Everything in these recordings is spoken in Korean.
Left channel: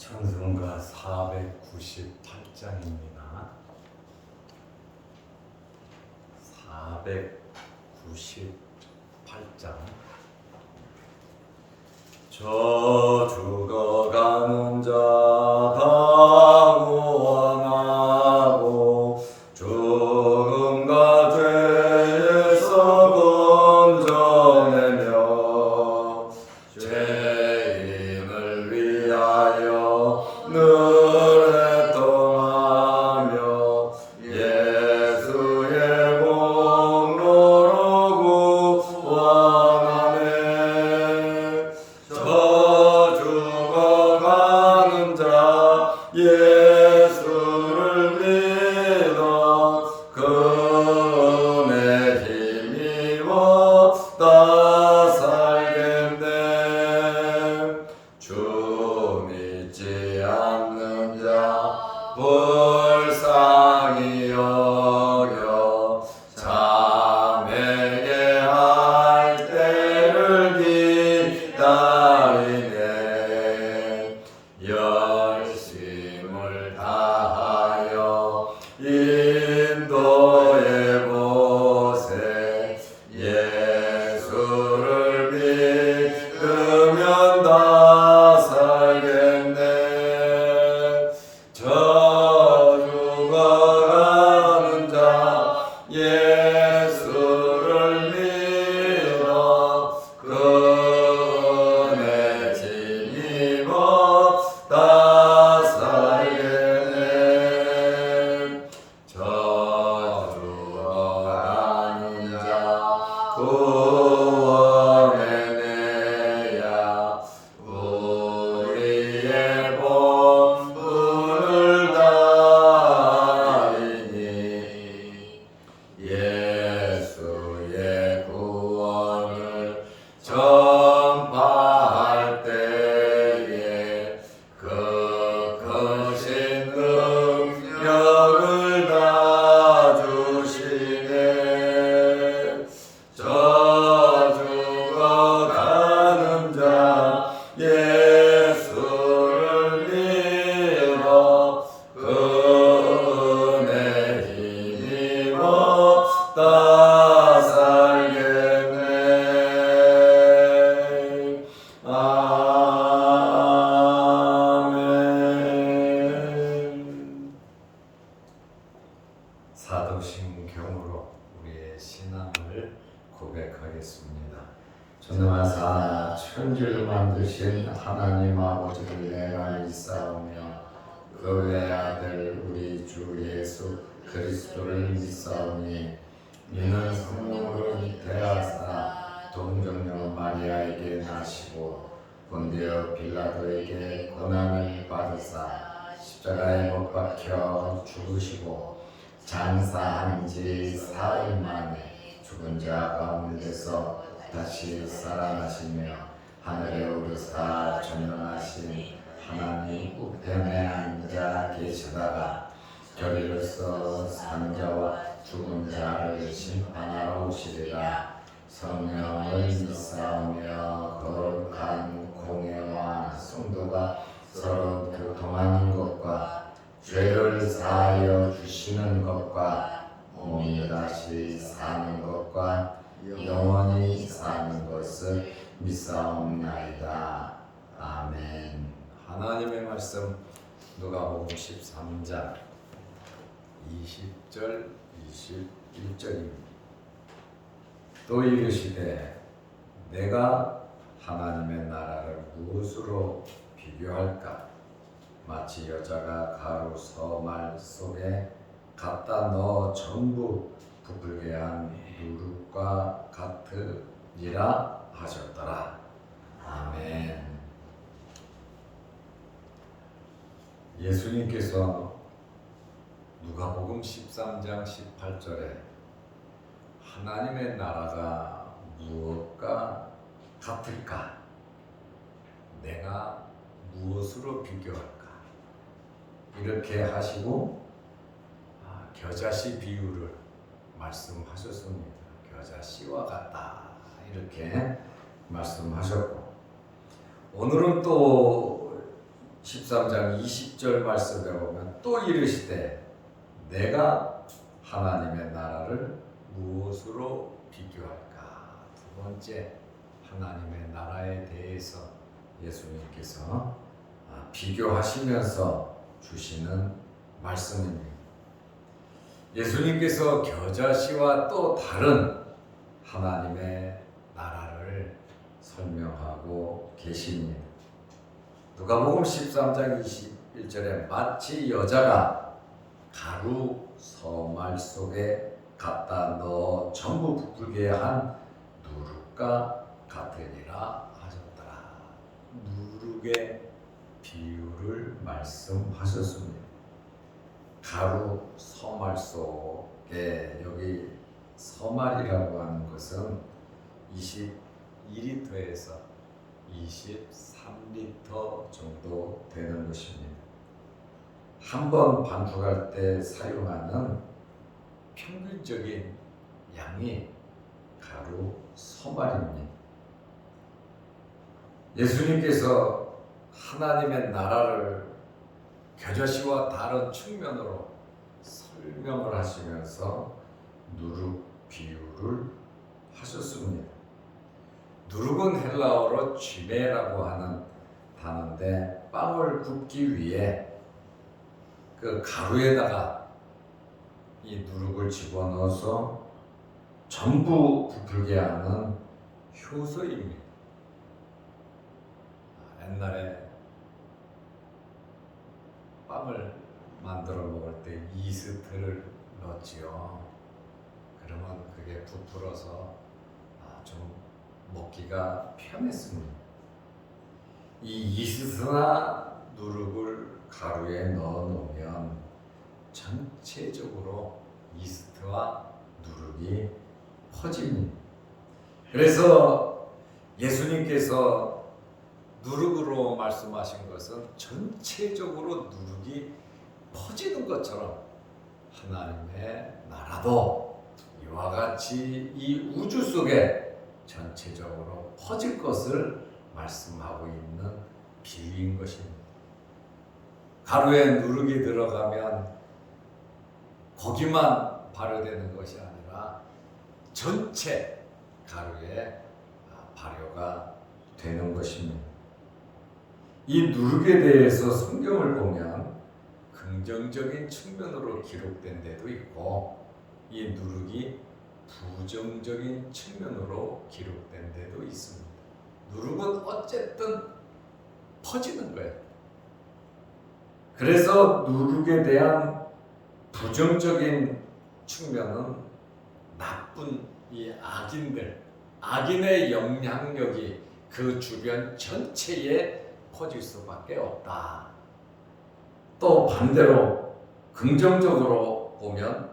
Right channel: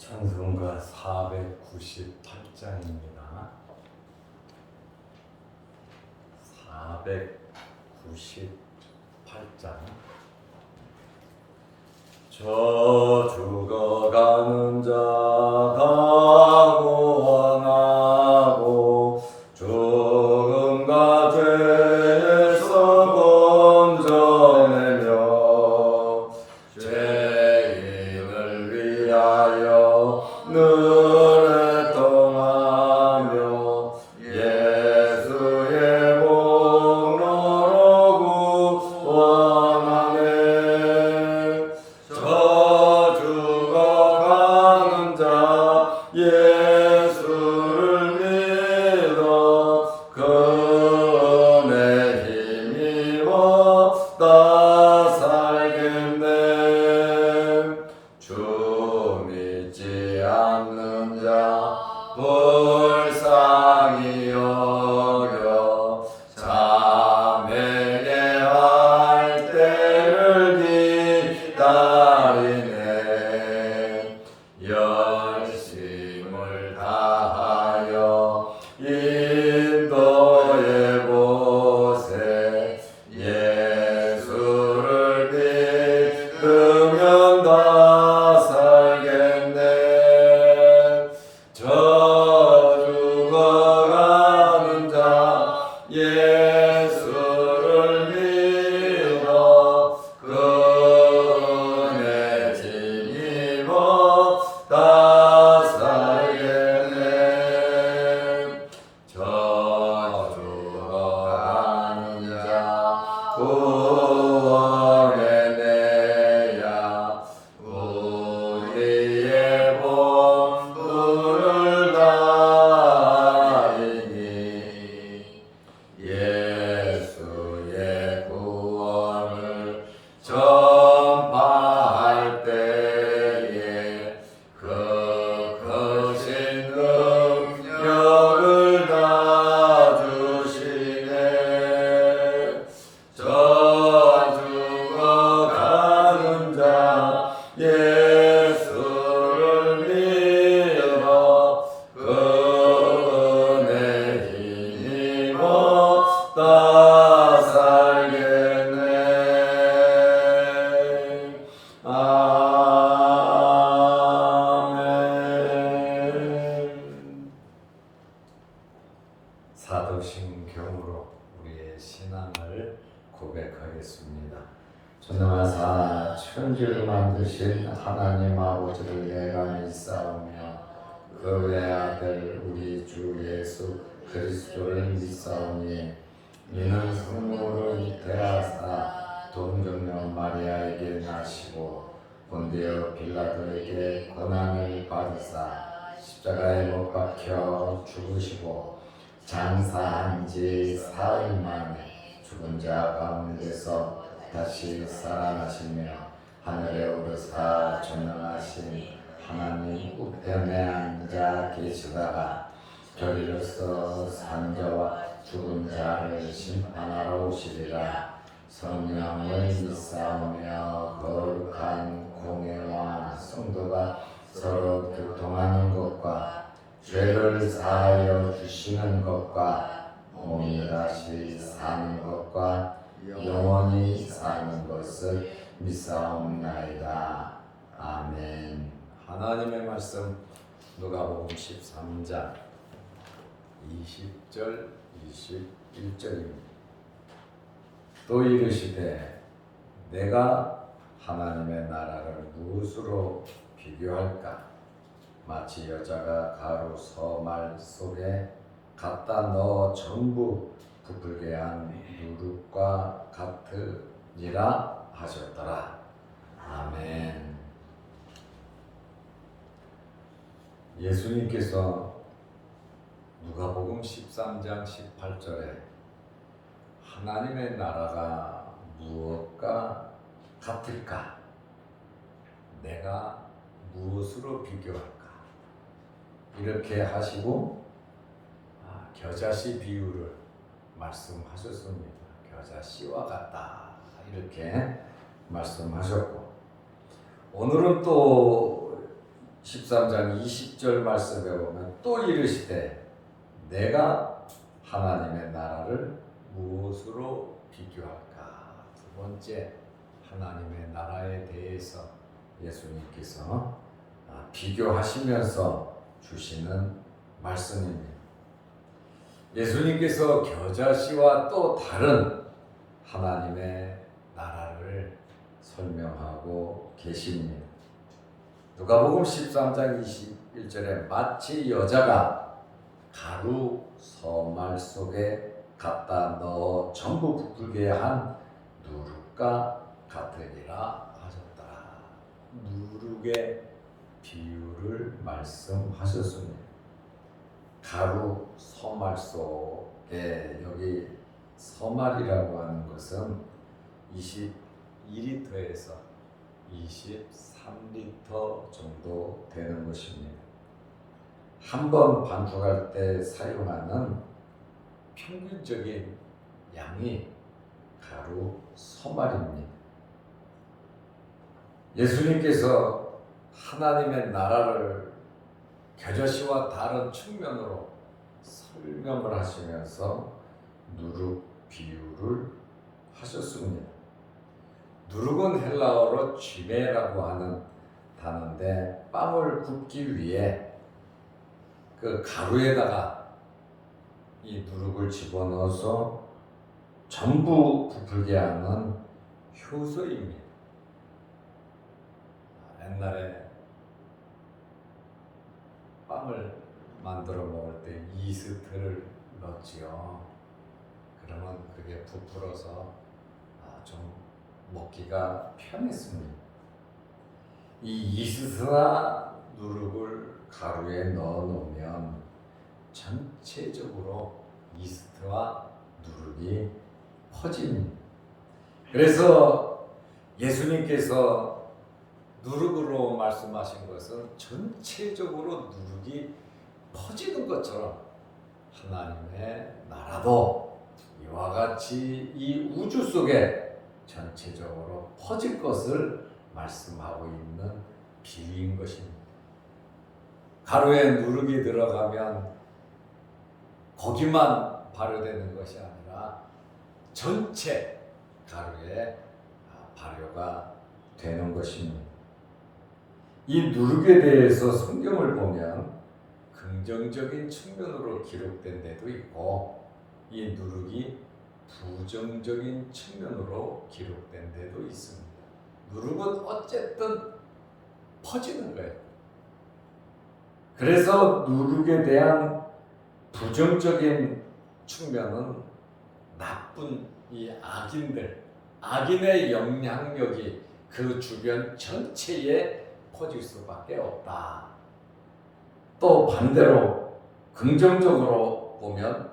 찬송가 498장입니다. 498장. 저 죽어가는 자 강구원하고 죽음과 죄에서 건져내며 죄인을 위하여 늘 애통하며 예수의 공로로 구원하네. 저 죽어가는 자 예수를 믿어 그 은혜 힘입어 다 살겠네. 주 믿지 않는 자 불쌍히 여겨 자매게 할 때를 기다리네. 열심을 다하여 인도해 보세. 예수를 믿으면 다 살겠네. 저 죽어가는 자 예수를 믿어 그 은혜 힘입어 다 살겠네. 저 죽어가는 자 구원해 내야 우리의 본분을 다하리니. 예수의 구원을 전파할 때에 그 크신 능력을 다 주시네. 저 죽어가는 자 예수를 믿어 그 은혜 힘입어 다 살겠네. 아멘. 사도신경으로 우리의 신앙을 고백하겠습니다. 전능하사 천지를 만드신 하나님 아버지를 내가 믿사오며 그 외아들 우리 주 예수 그리스도를 믿사오니 이는 성령으로 잉태하사 동정녀 마리아에게 나시고 본디오 빌라도에게 고난을 받으사 십자가에 못 박혀 죽으시고 장사한 지 사흘 만에 죽은 자 가운데서 다시 살아나시며 하늘에 오르사 전능하신 하나님 우편에 앉아 계시다가 저리로서 사는 자와 죽은 자를 심판하러 오시리라. 성령을 믿사오며 거룩한 공예와 성도가 서로 교통하는 것과 죄를 사하여 주시는 것과 몸이 다시 사는 것과 영원히 사는 것을 믿사옵나이다. 아멘. 하나님의 말씀 누가복음 13장 20절 21절입니다. 또 이르시되 내가 하나님의 나라를 무엇으로 비교할까? 마치 여자가 가루 서말 속에 갖다 넣어 전부 부풀게 한 누룩과 같으니라 하셨더라. 아멘. 예수님께서 누가복음 13장 18절에 하나님의 나라가 무엇과 같을까? 내가 무엇으로 비교할까? 이렇게 하시고 겨자씨 비유를 말씀하셨습니다. 겨자씨와 같다 이렇게 말씀하셨고, 오늘은 또 13장 20절 말씀에 보면 또 이르시되 내가 하나님의 나라를 무엇으로 비교할까? 두 번째, 하나님의 나라에 대해서 예수님께서 비교하시면서 주시는 말씀입니다. 예수님께서 겨자씨와 또 다른 하나님의 나라를 설명하고 계십니다. 누가복음 13장 21절에 마치 여자가 가루 서말 속에 갖다 넣어 전부 부풀게 한 누룩과 같으니라 하셨더라. 누룩의 비유를 말씀하셨습니다. 가루 서말 속에, 여기 서말이라고 하는 것은 22리터에서 23리터 정도 되는 것입니다. 한 번 반죽할 때 사용하는 평균적인 양이 가루 서말입니다. 예수님께서 하나님의 나라를 겨자씨와 다른 측면으로 설명을 하시면서 누룩 비유를 하셨습니다. 누룩은 헬라어로 쥐메라고 하는 단어인데, 빵을 굽기 위해 그 가루에다가 이 누룩을 집어넣어서 전부 부풀게 하는 효소입니다. 옛날에 빵을 만들어 먹을 때 이스트를 넣었지요. 그러면 그게 부풀어서 좀 먹기가 편했습니다. 이 이스트나 누룩을 가루에 넣어 놓으면 전체적으로 이스트와 누룩이 퍼집니다. 그래서 예수님께서 누룩으로 말씀하신 것은 전체적으로 누룩이 퍼지는 것처럼 하나님의 나라도 이와 같이 이 우주 속에 전체적으로 퍼질 것을 말씀하고 있는 비유인 것입니다. 가루에 누룩이 들어가면 거기만 발효되는 것이 아니라 전체 가루에 발효가 되는 것입니다. 이 누룩에 대해서 성경을 보면 긍정적인 측면으로 기록된 데도 있고, 이 누룩이 부정적인 측면으로 기록된 데도 있습니다. 누룩은 어쨌든 퍼지는 거예요. 그래서 누룩에 대한 부정적인 측면은 나쁜 이 악인의 영향력이 그 주변 전체에 퍼질 수밖에 없다. 또 반대로 긍정적으로 보면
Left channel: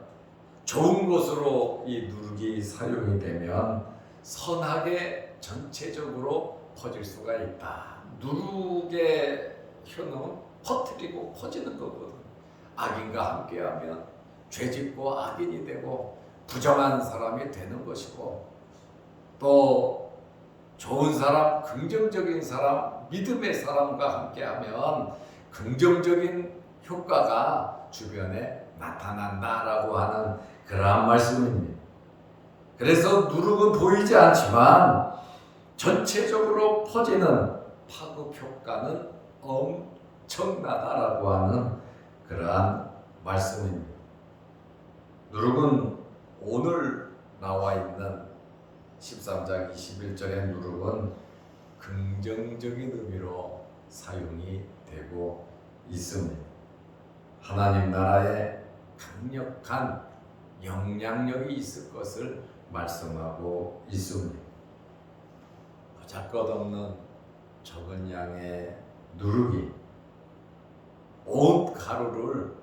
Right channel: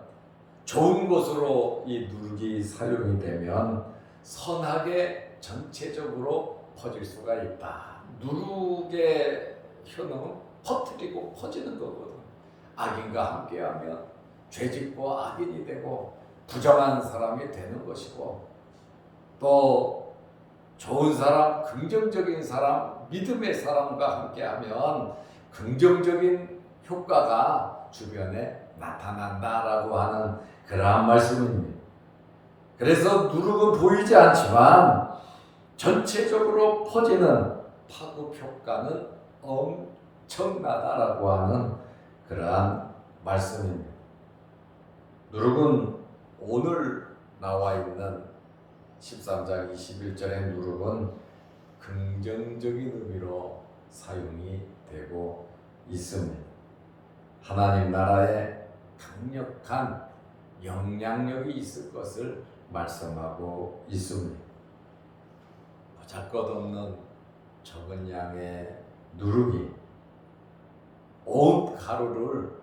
좋은 것으로 이 누룩이 사용이 되면 선하게 전체적으로 퍼질 수가 있다. 누룩의 효능은 퍼뜨리고 퍼지는 거거든. 악인과 함께하면 죄짓고 악인이 되고 부정한 사람이 되는 것이고, 또 좋은 사람, 긍정적인 사람, 믿음의 사람과 함께하면 긍정적인 효과가 주변에 나타난다라고 하는 그러한 말씀입니다. 그래서 누룩은 보이지 않지만 전체적으로 퍼지는 파급 효과는 엄청나다라고 하는 그러한 말씀입니다. 누룩은 오늘 나와 있는 13장 21절의 누룩은 긍정적인 의미로 사용이 되고 있습니다. 하나님 나라에 강력한 영향력이 있을 것을 말씀하고 있습니다. 보잘것없는 적은 양의 누룩이 온 가루를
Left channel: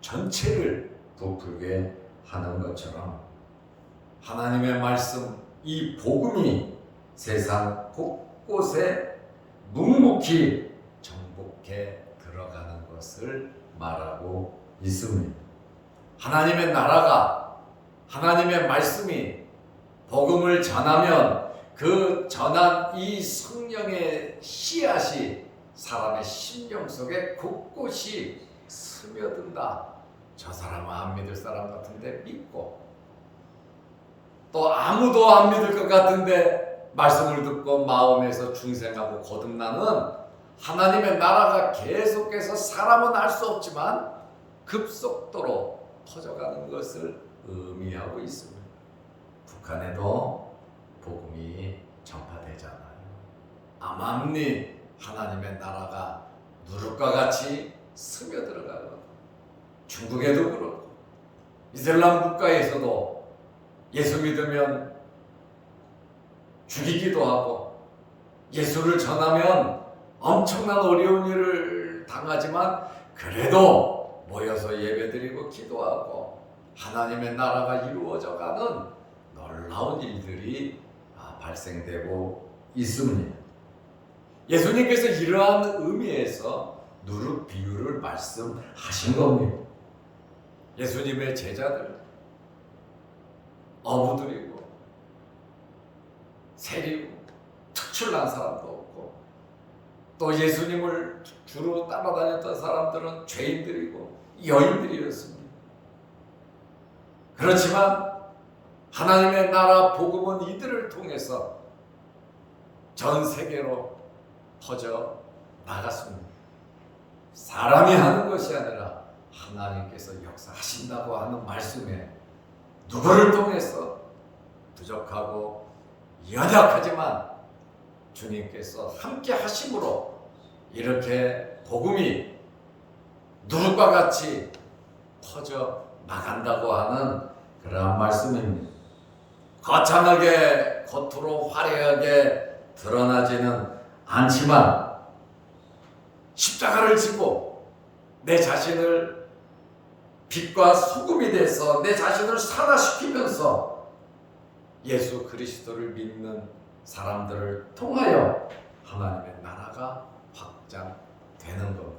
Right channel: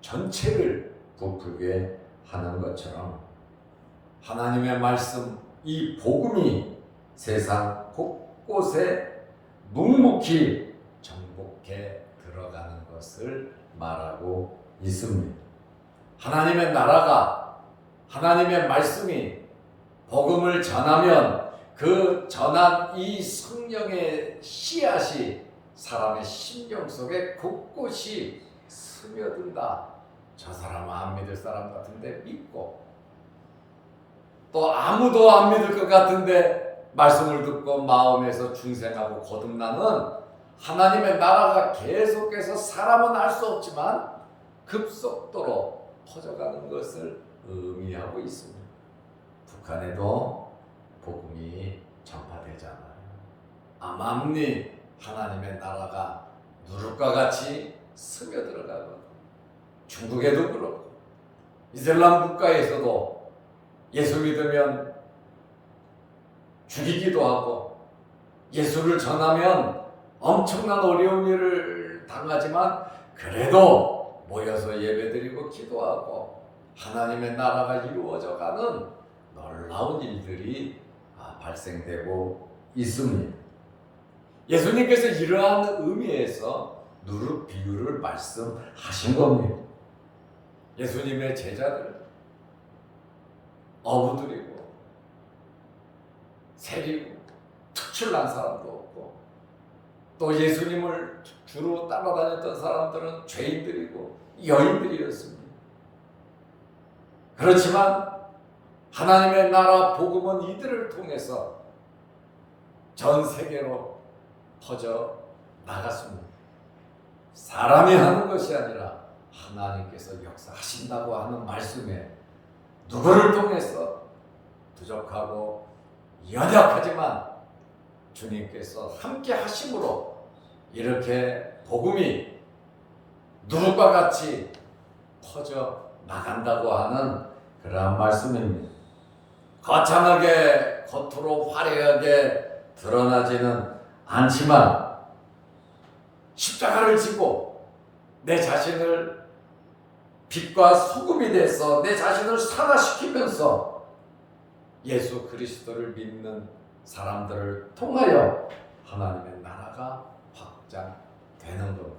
전체를 부풀게 하는 것처럼 하나님의 말씀, 이 복음이 세상 곳곳에 묵묵히 정복해 들어가는 것을 말하고 있습니다. 하나님의 나라가, 하나님의 말씀이 복음을 전하면 그 전한 이 성령의 씨앗이 사람의 심령 속에 곳곳이 스며든다. 저 사람은 안 믿을 사람 같은데 믿고, 또 아무도 안 믿을 것 같은데 말씀을 듣고 마음에서 중생하고 거듭나는 하나님의 나라가 계속해서 사람은 알 수 없지만 급속도로 퍼져가는 것을 의미하고 있습니다. 북한에도 복음이 전파되잖아요. 암암리 하나님의 나라가 누룩과 같이 스며들어가고, 중국에도 그렇고 이슬람 국가에서도 예수 믿으면 죽이기도 하고, 예수를 전하면 엄청난 어려운 일을 당하지만 그래도 모여서 예배드리고 기도하고 하나님의 나라가 이루어져가는 놀라운 일들이 발생되고 있습니다. 예수님께서 이러한 의미에서 누룩 비유를 말씀하신 겁니다. 예수님의 제자들 어부들이고 세리고 특출난 사람도 없고, 또 예수님을 주로 따라다녔던 사람들은 죄인들이고 여인들이었습니다. 그렇지만 하나님의 나라 복음은 이들을 통해서 전 세계로 퍼져 나갔습니다. 사람이 하는 것이 아니라 하나님께서 역사하신다고 하는 말씀에 누구를 통해서 부족하고 연약하지만 주님께서 함께 하심으로 이렇게 복음이 누룩과 같이 퍼져 나간다고 하는 그러한 말씀입니다. 거창하게 겉으로 화려하게 드러나지는 않지만 십자가를 지고 내 자신을 빛과 소금이 돼서 내 자신을 산화시키면서 예수 그리스도를 믿는 사람들을 통하여 하나님의 나라가 확장되는 것.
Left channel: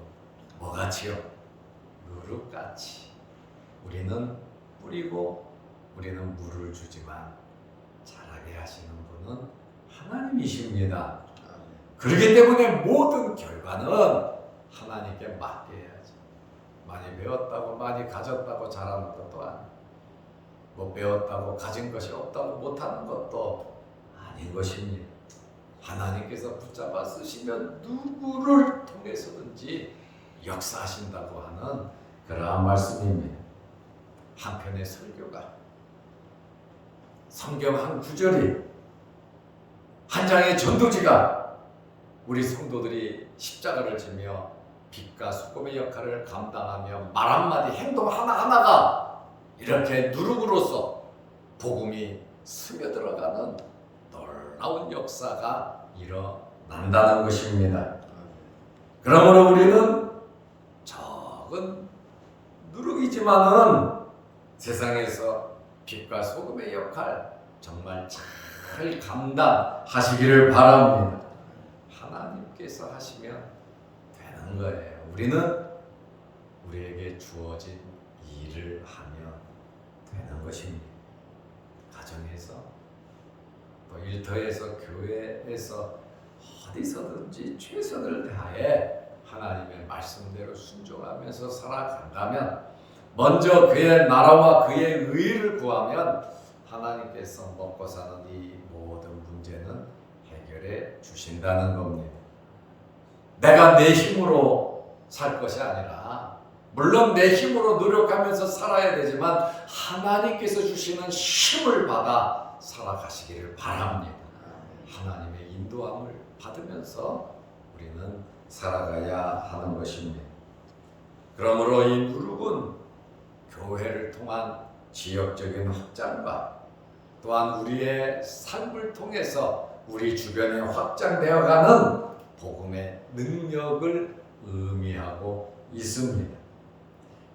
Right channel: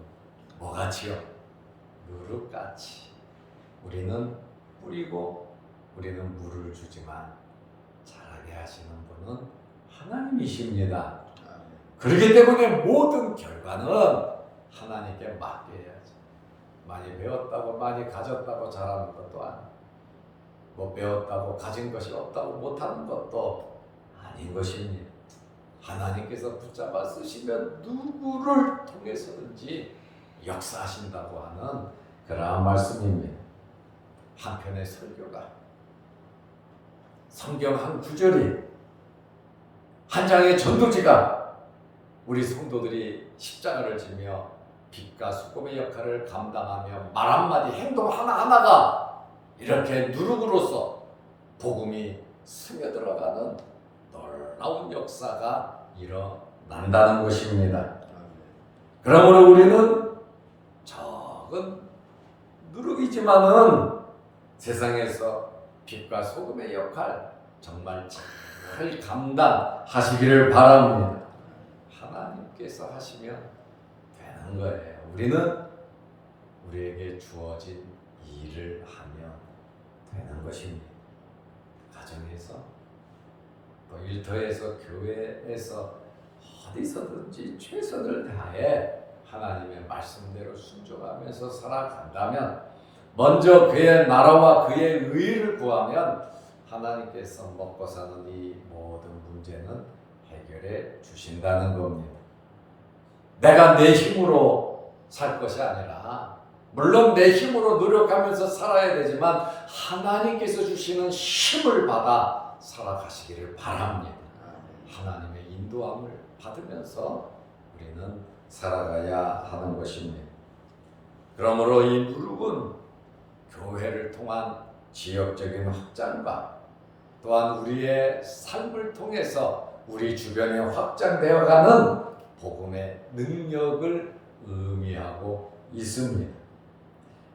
뭐같이요? 누룩같이. 우리는 뿌리고 우리는 물을 주지만 자라게 하시는 분은 하나님이십니다. 그렇기 때문에 모든 결과는 하나님께 맡겨야지. 많이 배웠다고 많이 가졌다고 잘하는 것도 아니고, 뭐 배웠다고 가진 것이 없다고 못하는 것도 아닌 것입니다. 하나님께서 붙잡아 쓰시면 누구를 통해서든지 역사하신다고 하는 그러한 말씀입니다. 한편의 설교가, 성경 한 구절이, 한 장의 전도지가 우리 성도들이 십자가를 지며 빛과 소금의 역할을 감당하며 말 한마디, 행동 하나하나가 이렇게 누룩으로서 복음이 스며들어가는 놀라운 역사가 일어난다는 것입니다. 그러므로 우리는 적은 누룩이지만은 세상에서 빛과 소금의 역할 정말 잘 감당하시기를 바랍니다. 하나님께서 하시면 되는 거예요. 우리는 우리에게 주어진 일을 하면 되는 것입니다. 가정에서, 또 일터에서, 교회에서, 어디서든지 최선을 다해 하나님의 말씀대로 순종하면서 살아간다면, 먼저 그의 나라와 그의 의를 구하면 하나님께서 먹고 사는 이 모든 문제는 해결해 주신다는 겁니다. 내가 내 힘으로 살 것이 아니라, 물론 내 힘으로 노력하면서 살아야 되지만 하나님께서 주시는 힘을 받아 살아가시기를 바랍니다. 하나님의 인도함을 받으면서 우리는 살아가야 하는 것입니다. 그러므로 이 누룩은 교회를 통한 지역적인 확장과 또한 우리의 삶을 통해서 우리 주변에 확장되어가는 복음의 능력을 의미하고 있습니다.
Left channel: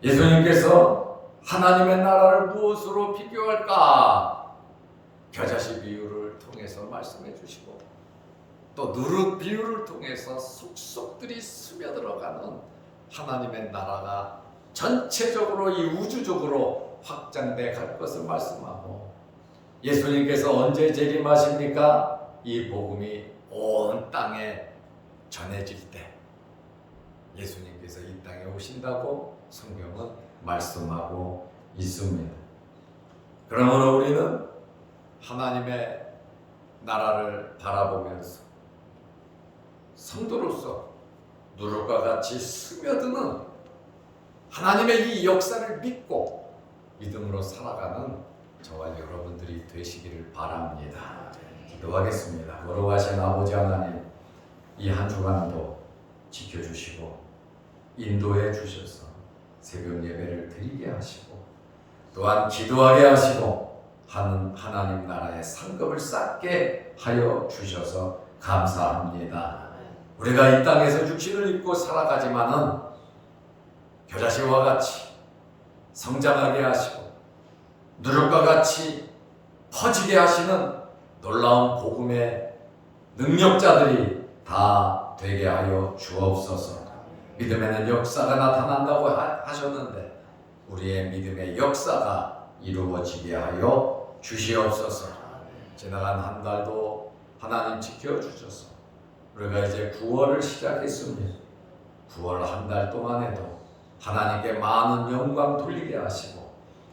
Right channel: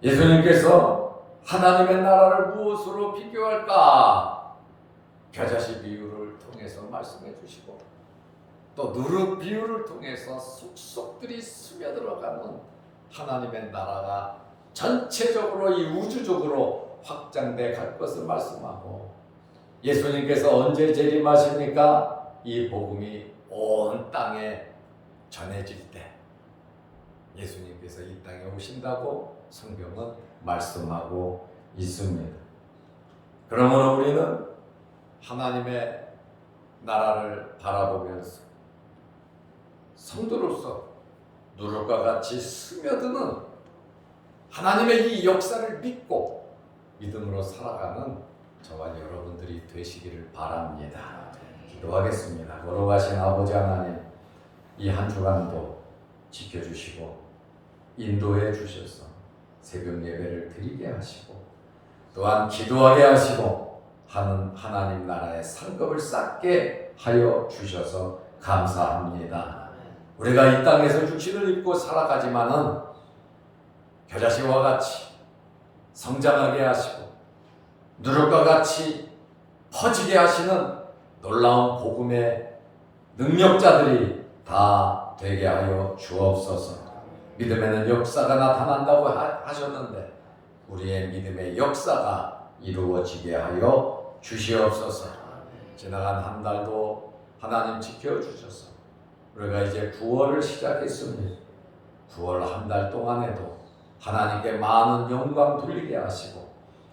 예수님께서 하나님의 나라를 무엇으로 비교할까? 겨자씨 비유를 통해서 말씀해 주시고, 또 누룩 비유를 통해서 속속들이 스며들어가는 하나님의 나라가 전체적으로 이 우주적으로 확장돼 갈 것을 말씀하고, 예수님께서 언제 재림하십니까? 이 복음이 온 땅에 전해질 때, 예수님께서 이 땅에 오신다고 성경은 말씀하고 있습니다. 그러므로 우리는 하나님의 나라를 바라보면서 성도로서 누룩과 같이 스며드는 하나님의 이 역사를 믿고 믿음으로 살아가는 저와 여러분들이 되시기를 바랍니다. 기도하겠습니다. 거룩하신 아버지 하나님, 이 한 주간도 지켜주시고 인도해 주셔서 새벽 예배를 드리게 하시고 또한 기도하게 하시고 하나님 나라의 상급을 쌓게 하여 주셔서 감사합니다. 우리가 이 땅에서 육신을 입고 살아가지만은 겨자씨와 같이 성장하게 하시고 누룩과 같이 퍼지게 하시는 놀라운 복음의 능력자들이 다 되게 하여 주옵소서. 믿음에는 역사가 나타난다고 하셨는데 우리의 믿음의 역사가 이루어지게 하여 주시옵소서. 지나간 한 달도 하나님 지켜주셔서 우리가 이제 9월을 시작했습니다. 9월 한 달 동안에도 하나님께 많은 영광 돌리게 하시고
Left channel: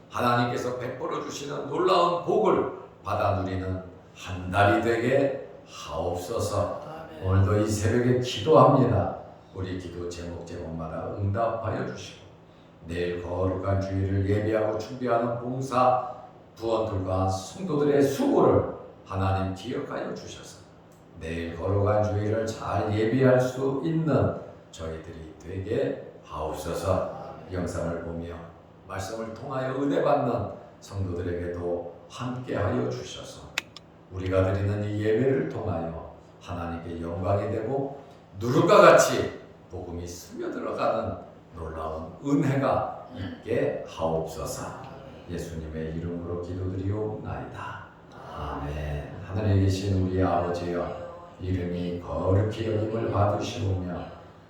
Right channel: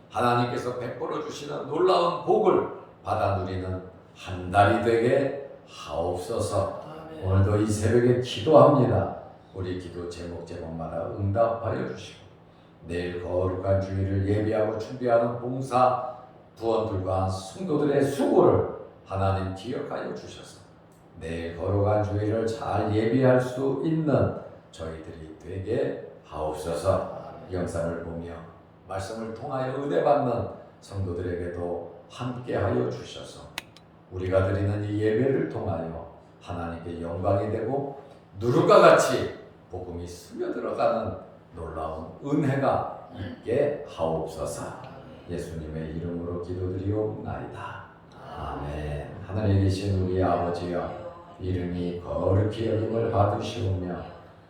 하나님께서 베풀어 주시는 놀라운 복을 받아 누리는 한 달이 되게 하옵소서. 오늘도 이 새벽에 기도합니다. 우리 기도 제목마다 응답하여 주시고 내일 거룩한 주일을 예비하고 준비하는 봉사 부원들과 성도들의 수고를 하나님 기억하여 주셔서 내일 거룩한 주일을 잘 예비할 수 있는 저희들이 되게 하옵소서. 영상을 보며 말씀을 통하여 은혜 받는 성도들에게도 함께하여 주셔서 우리가 드리는 이 예배를 통하여 하나님께 영광이 되고 누룩과 같이 복음이 스며들어가는 놀라운 은혜가 있게 하옵소서. 예수님의 이름으로 기도드리옵나이다. 아멘. 하늘에 계신 우리 아버지여, 이름이 거룩히 여김을 받으시오며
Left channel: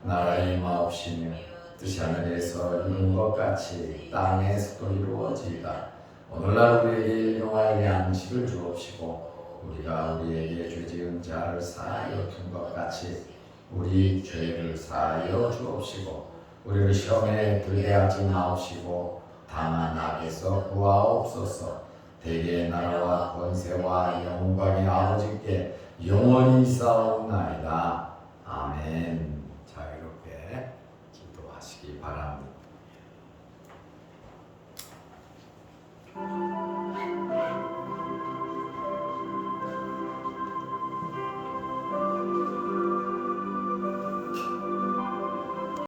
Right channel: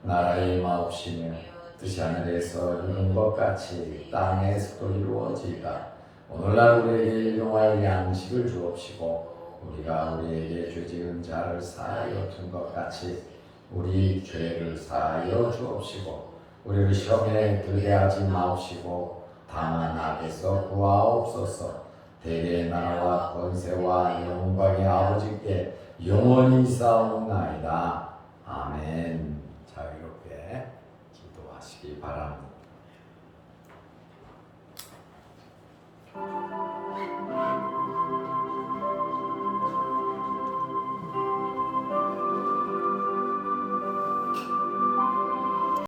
나라의 마옵시며 뜻이 하늘에서 이룬 것 같이 땅에서도 이루어지이다. 오늘날 우리에게 일용할 양식을 주옵시고 우리가 우리에게 죄 지은 자를 사하여 준 것 같이 우리 죄를 사하여 주옵시고 우리를 시험에 들게 하지 마옵시고 다만 악에서 구하옵소서. 대개의 나라와 권세와 영광의 아버지께 영원히 싸움나이다. 아멘.